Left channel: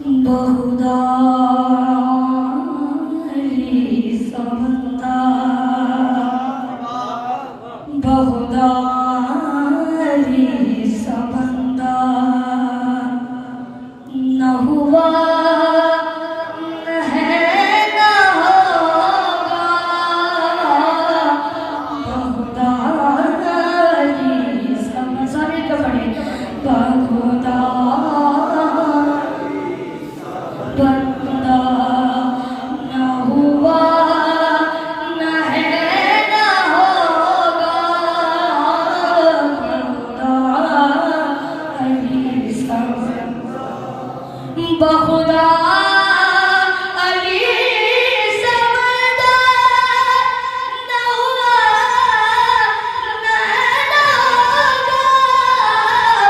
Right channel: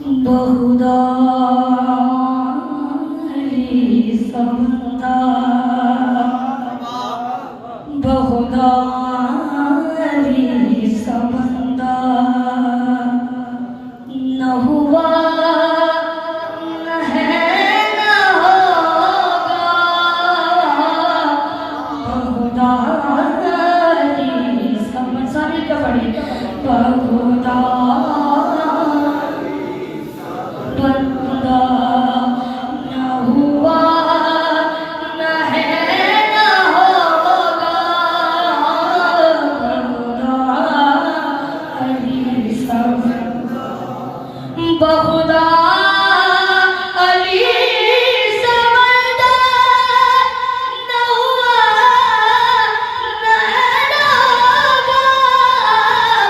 बहुधा समता बहुधा समता न हुआ न है न होगा बहुधा सभी को पढ़े बहुधा बहुधा अली समझदा न हुआ न होगा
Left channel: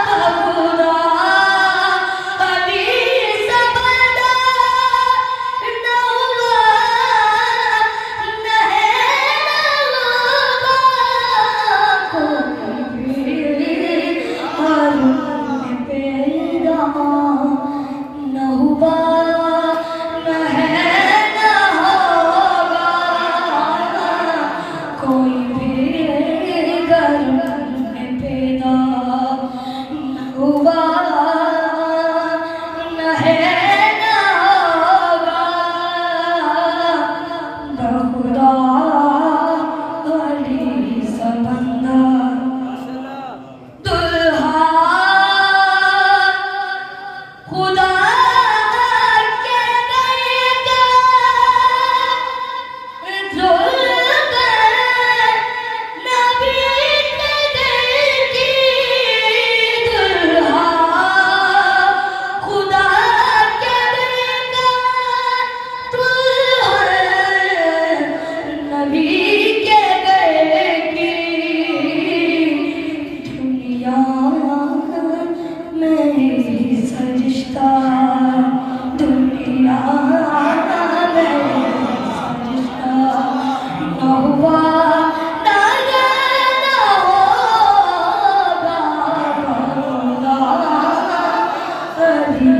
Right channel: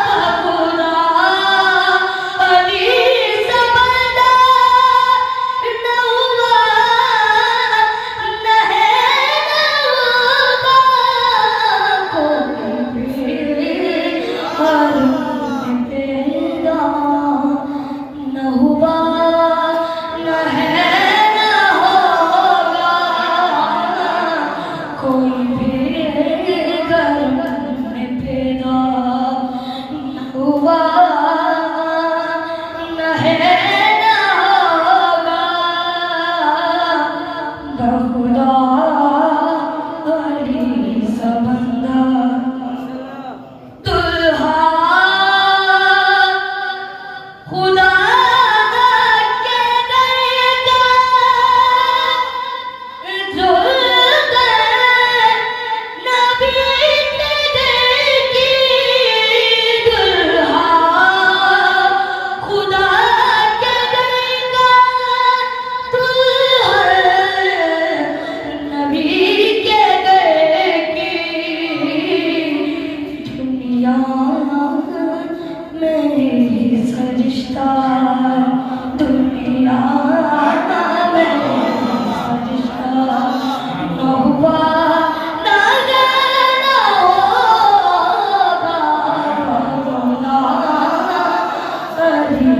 बहुधा अली समझदा न हुआ न होगा कोई भी आलम में पैदा न हुआ न है न होगा कोई भी गर्म में पैदा न हुआ न है न होगा बहुधा अली समंदा दुल्हा खुदा के दरिया ज़ुल्फ़े नबी के दिल की दुल्हा खुदा के दरिया दुल्हन नबी के दिल की दुनिया मेरी सरिश्ता दुनिया मेरी सरिश्ता न हुआ न होगा बहुधा अली